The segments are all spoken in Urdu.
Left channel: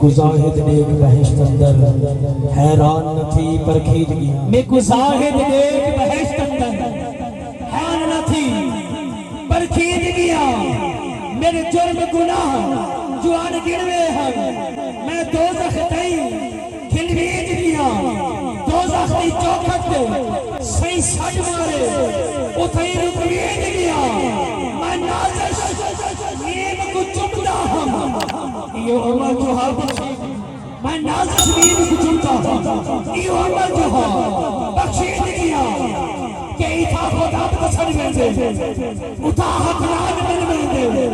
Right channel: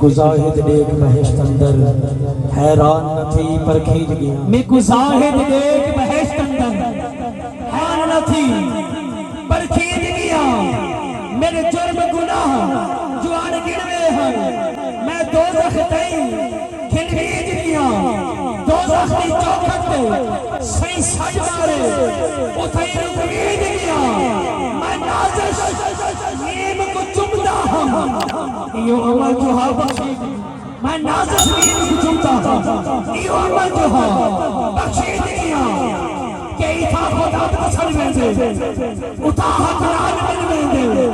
کو زاہد دیکھ بہشت اندر حیران نہ تھی پر کھیج گیا میں کو زاہد دیکھ بہشت اندر حیران نہ تھی پر کھیج گیا میرے جرم گناہ جو آن گروے ہیں میں دوزخ تئی کھلویج گیا دوزخ تی چوکھٹ سی سج مارے اتھائی رکویج گیا میں نازش نیم کو چمدہ ہوں یہ عمر جو ہاں بخشید میں نازش نیم کو چمدہ ہوں یہ عمر جو ہاں بخشید گیا کہ ایتھا خدا بسر میں دے اتھا حق راج بن میں دے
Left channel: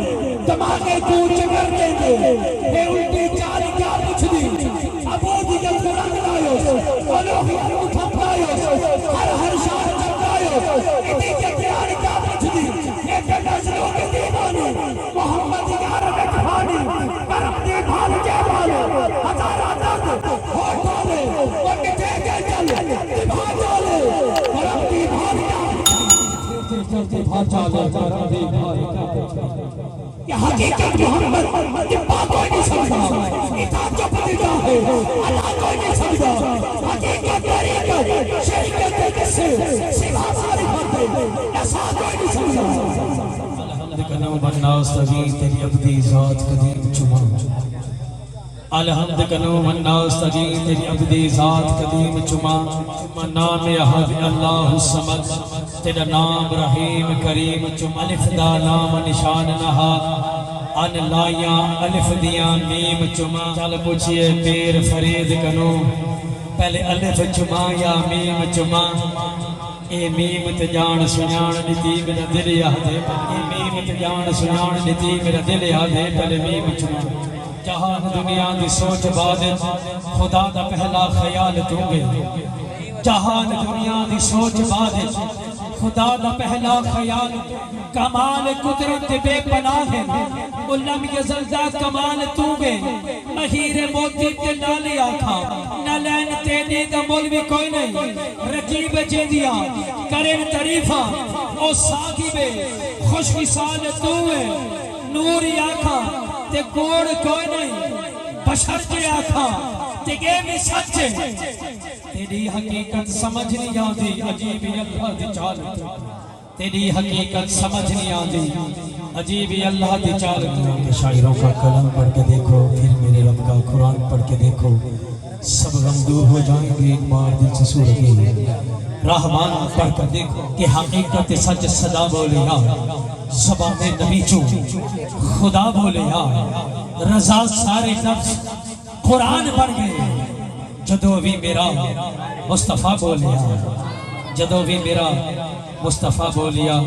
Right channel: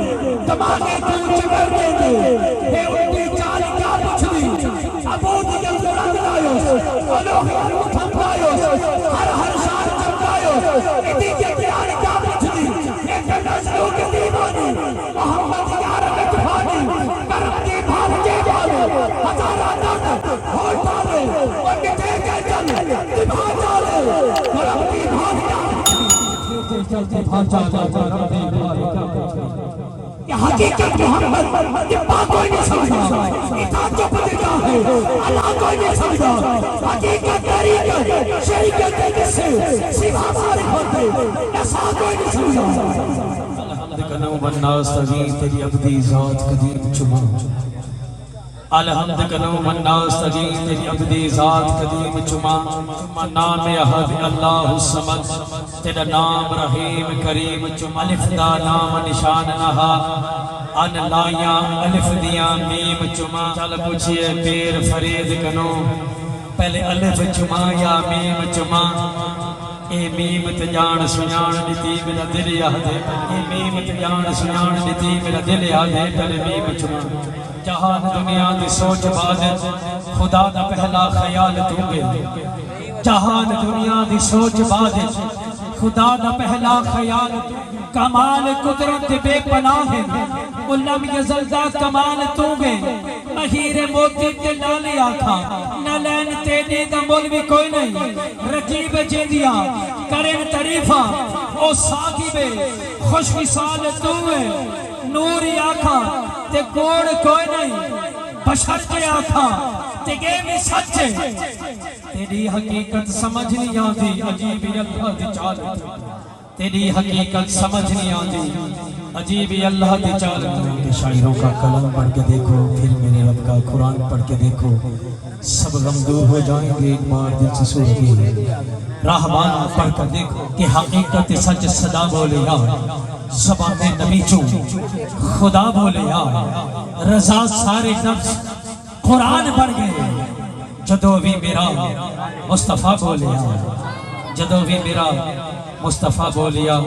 دماغے تو چگر میں دے اے الٹی چاری کیا پچھ دی ابو دیگر قرآن آئیوس الوہی المتھم آئیوس ہر شاہ چمد آئیوس ایتی کے پیار کیا پچھ دی ایک نظروں کے دیوانی محمد یار اتفانی کرم دی بھان کے بالے ہزارہ درد ہوٹ ڈالے وقت دے کے چل دیبھان ڈالے کرم دی بھان کہ حقیقت محمد کہ پاک کوئی نہیں سمجھا اطاعت جو پتہ ہے اللہ کوئی نہیں سمجھا حقیقت طریقت شریکت کسے سوا معرفت ایسا کوئی نہیں سمجھا الحمد کنو مننا استغیر تیری عبدی ذات قدیم چما الحمد کنو مننا استغیر تیری عبدی ذات قدیم چما نام احد اللہ الصمد تیرا نام رحیم کریم چم الف دا نام نشان نہا ان لائیاں الف دیاں میم چما چل پوچھئے پیر فرید کنو پہلے الف چما یا میم چما اے میم تجان سنان نتی میرا دل یادے اے میم تجان سنان نتی میرا دل یادے پہلے میم چما جہاں دنیا دی سوچ بادت خدا دا پہلا خیال تو گئے جہاں دنیا دی سوچ بادت خدا دا پہلا خیال کمال قدرت بے پناہ ہے علم یزلدہ کمال تو بے مہیر موتی تے نالے آکھا نہ لین تینے دا مولوی کوئی نہیں رقیب جیدیا کریم تعریفہ او ساکی بے خوش وصال تو ہے نوری آکھا تے گوڑ کوئی نہیں بشر کے آکھا تے گے میں سچے تیری حقیقت سمجھ نہیں آتی عجیب اللہ دی چالت تیری حقیقت سمجھ نہیں آتی عجیب اللہ دی چالت شاعروں کا کلام پڑھ کے دیکھو پھر میرے رب کا قرآن پڑھ کے دیکھو سب غم دور ہو جائیں گے ایک بار دل سے سوچیں رحمان پڑھ کر دیکھو کہ حقیقت سچ صدا بولے گا زبان نبی چوں خدا بولے گا رضا سارے نفس قرآن پڑھ گئے جدو بھی میرا مصطفیٰ بولیا جدو بھی میرا مصطفیٰ بولیا